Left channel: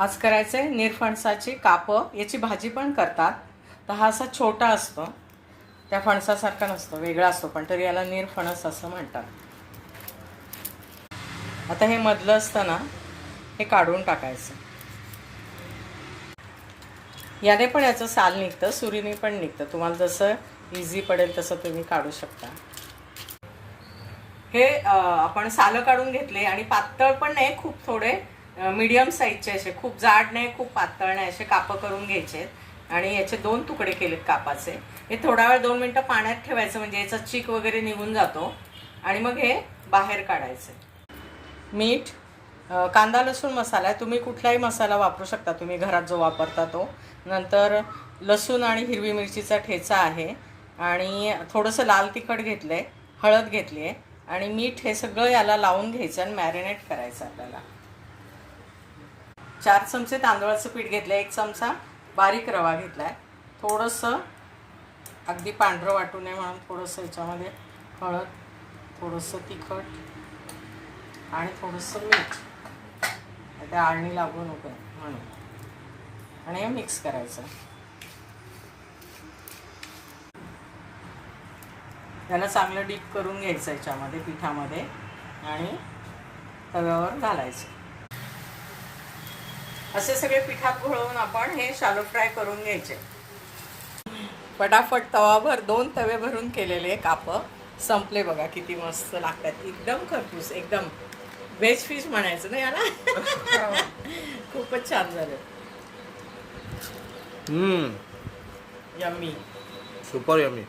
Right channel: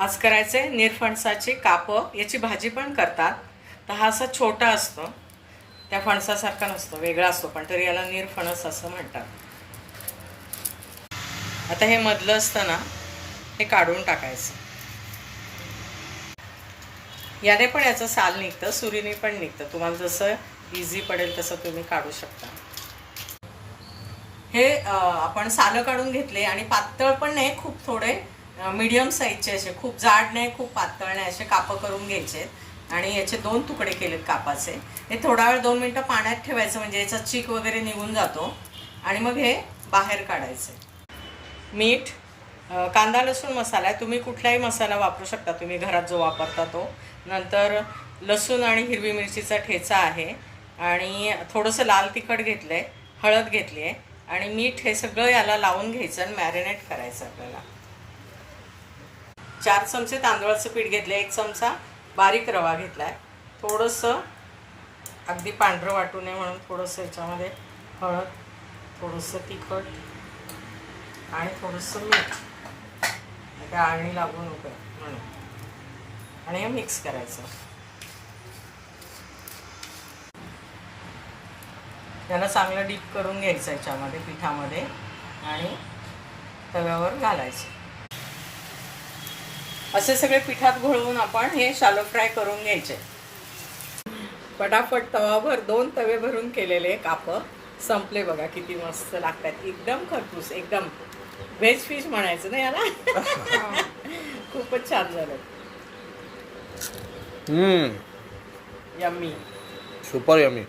आज करायचे निरफणसाची कापं. याची भाजी पण करतात. तर हा असा छोटा असतो, त्या फणसासारखा नसतो, वेगळा असतो, पण तरी याला निरफणस असं म्हणतात. आता हे मधलं असतं ना, हे काढून टाकायचं. याने पण याचं साल निघतं, सुरीने पण निघतं. तुम्हाला जसं इझी पडेल तसं तुम्ही काढू शकता. हे आपण सालं काढून घेतले आणि पातळ पण नाही, खूप थोडे मीडियम साईजचे असे, खूप जाड नाही खूप पातळ नाही, असे कापं करून घ्यायचे. आणि याचे 2 तुकडे केलेत कापाचे. हे थोडा वेळ 2 मिनटं पाण्यात ठेवायचं, म्हणजे याचा चीक वगैरे निघून जातो. आणि मग हे बाहेर काढायचं. मीठ, कांदा लसूण मसाला आहे, तुम्ही कुठलाही मसाला वापरू शकता, तुम्ही घरात जो वापरता तो. नंतर लसूण आणि हिरवी मिरचीचा ठेचा आहे, आणि थोडंसं लाल तिखट घेतलं आहे, हळद घेतली आहे, आणि मीठ. हे सगळं याला लावून घ्यायचं आणि मॅरिनेट करायचं आपल्याला. 4 चमचे तांदूळाचं पीठ घेतलं, 1 चमचा बारीक रवा घेतला आहे, थोडंसं अगदी पांढरं वाटू नये म्हणून थोडंसं याच्यामध्ये हळद, थोडंसं तिखट आणि थोडंसं मीठ, त्या आळणी लागू नको म्हणून. आणि हे मिक्स करायचं. त्याला चांगलं डीप करून घ्यायचं याच्यामध्ये, पिठामध्ये, आणि तव्यावर घालायचं. असे सगळे पिठात घोळवून आपण हे शालो फ्राय करून घ्यायचे. फटाफट तवाभर 2 तवे भरून केलेले कापं संपले. बघा किती मस्त लागतात, एकदम खरपूस, एकदम व्हेज फिश म्हणायचं ना याला. खूपच छान झालं. Yummy, yummy, super yummy.